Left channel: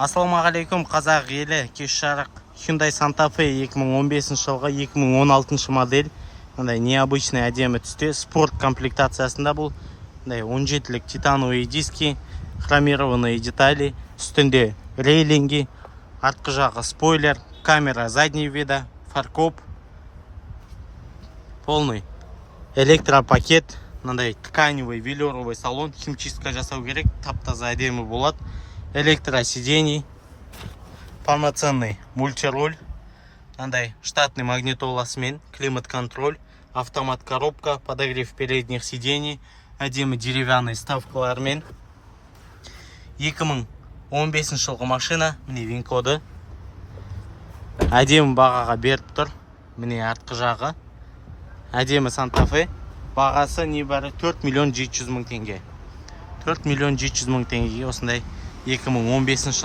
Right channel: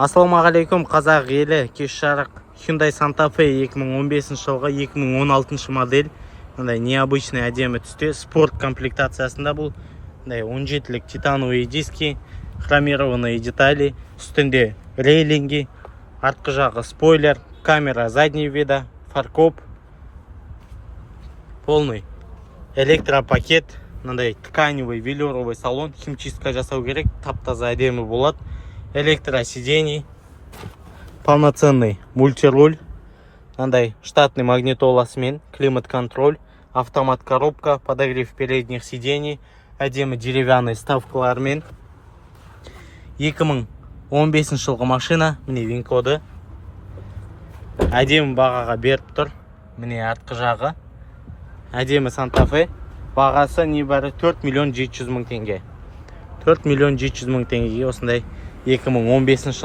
Ассалаумағалейкум қазақ елі, кеш жарық Hyundai Santa Fe 2015 жылғы 2016 модель. Необычный әдемі түсте спорт комплектациясында бұл. 17-лік титановые диски, хромированные детали, үстінде рейлинги, артқы жағы спойлер, камера заднего вида, фаркоп, полный электропакет, тканевый велюровый салон, химчистка жасау керек, тап-таза әдемі болады. Электросидений, полноценный мультируль, штатный магнитоласымен, климат-контроль, автомат-коробка, подогрев передних сидений, әдемі деревянный ставкалармен. 2015 жылғы машина, міне вин-коды. Әдемі бағаға беріп тұр, міне артқы жағы. Әдемі Santa Fe, бағасы небәрі 4 миллион 700 мың теңге. 4 миллион 700 мың теңгеге осындай 2015 жылғы